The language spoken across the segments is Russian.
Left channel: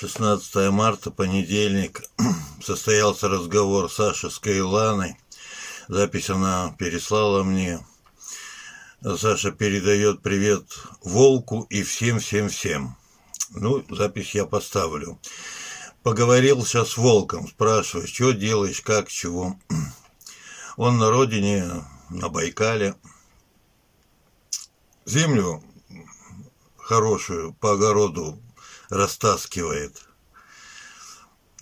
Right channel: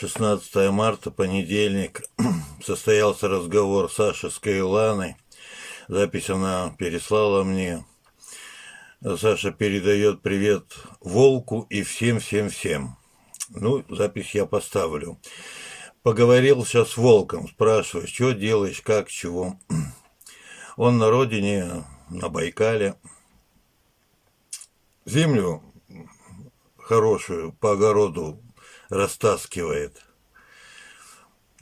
16 марта, понедельник. Состоялся разговор Саши с Каиланой. Запись она переслала мне. Саша передает привет Волку и всем-всем-всем. Ну, запись я поставлю. Поговорил сейчас с Волком, спрашиваю, что делаешь, как, чего. Он на родине, на Байкале. Землю хорошую по огороду растаскивает.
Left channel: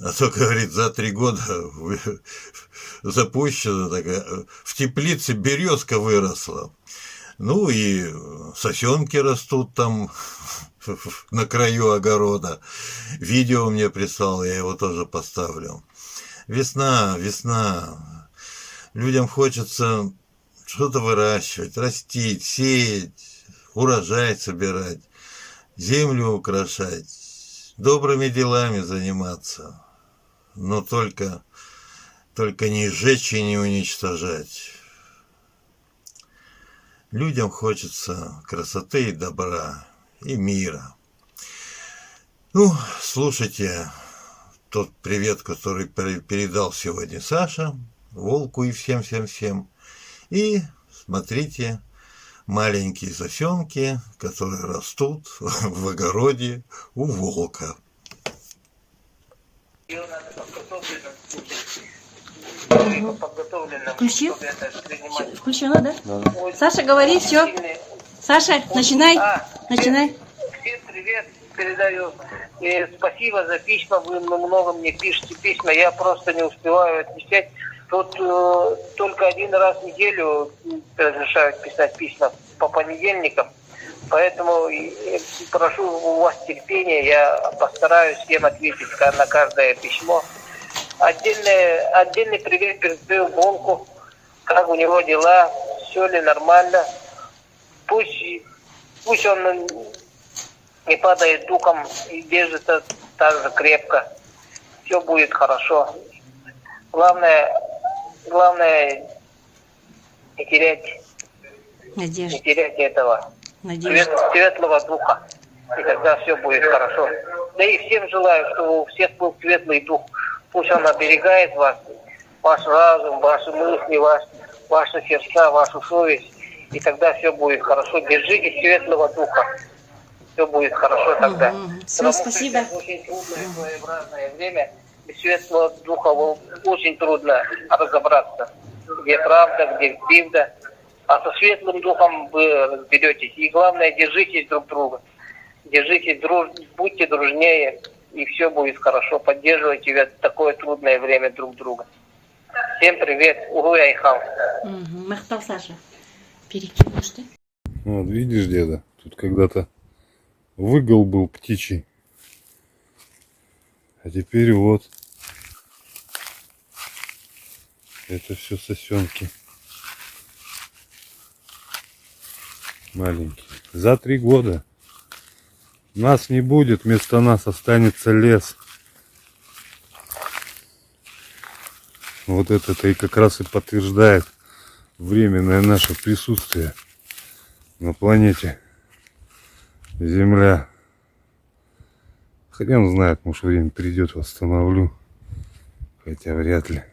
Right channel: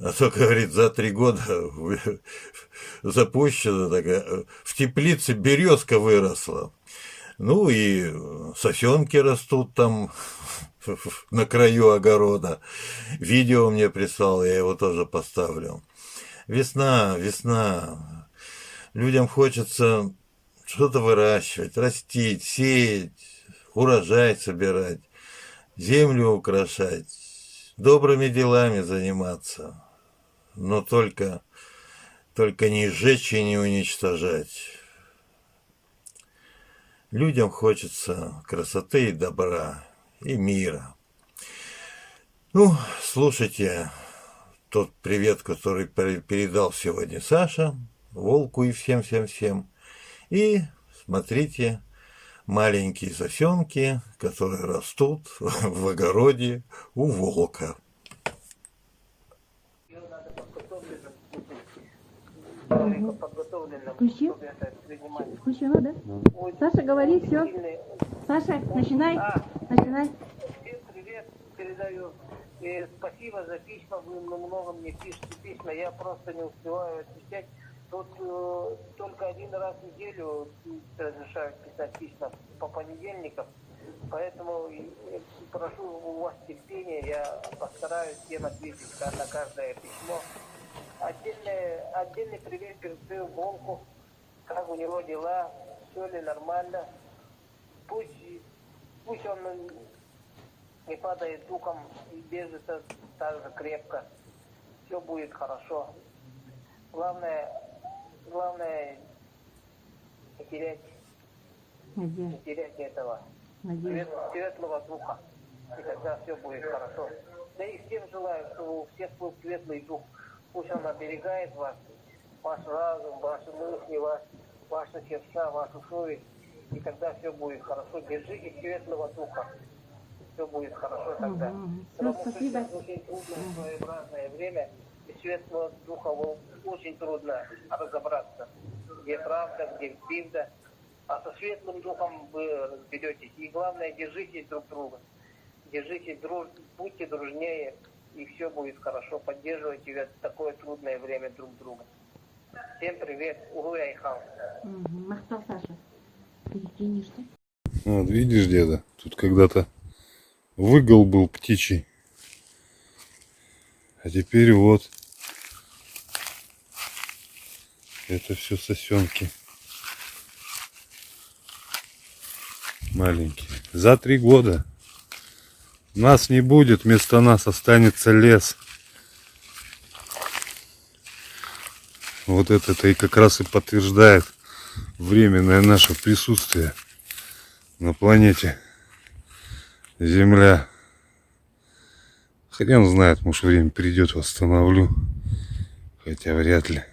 А то, говорит, за 3 года запущена такая, в теплице березка выросла. Ну и сосенки растут там на краю огорода. Видео мне прислал, я его тоже поставлю. Весна, весна. Людям хочется что-то выращивать, растить, сеять, урожай собирать, землю украшать, добрыми делами заниматься. Но только не сжечь и не уничтожать. Людям хочется красоты и добра, и мира. Ну, слушайте тот привет, который передал сегодня Саша, Волку и всем-всем-всем. И смотрите маленькие сосенки, которые растут в огороде у Волка. Включил? Включила, да? Саша, говори, все. Саша, начинай. Начинай. Всем привет передаю. И спасибо за письма. Вы много мне пишете письма. Я просто не успеваю отвечать. Тут только 1 раз в неделю разрешают писать письма по понедельникам. Поэтому прошу у вас терпения. Я постараюсь всем ответить на каждое письмо. Отдельный привет передаю Волку. Как у него дела? Все ли нормально? Пусть он не падает духом и держится так же крепко. Все будет хорошо. Главное не терять этого светлого духа. И тогда все будет хорошо. Да и всем желаю, чтобы у всех был светлый дух. Пусть он оберегает вас, ваш разум, ваши мысли, ваши сердца, вашу совесть. И тогда все будет хорошо. Держитесь светлого духа. Все будет хорошо тогда. Все, спасибо. Очень трудное своеобразное время. Без светлого духа очень трудно разобраться. Где правда, где правда. А со светлым духом вы разберетесь. И главное, держитесь друг друга. Держитесь, будьте дружнее. И все будет хорошо. Поддерживайте в такое трудное время друг друга. Всем привет. Угу, Айхал. Махтал, Саша. Перекинешь ты? Вот, видишь, деда, тут когда-то выгул был птичий. А теперь вот. Это все сосенки. Маленькие. За 3 года. Нас не будет, вместо нас останется лес. Вот это и как раз и подтверждает временное наше присутствие на планете Земля. Хрен знает, может время придет, восстановлю. Хотя вряд ли.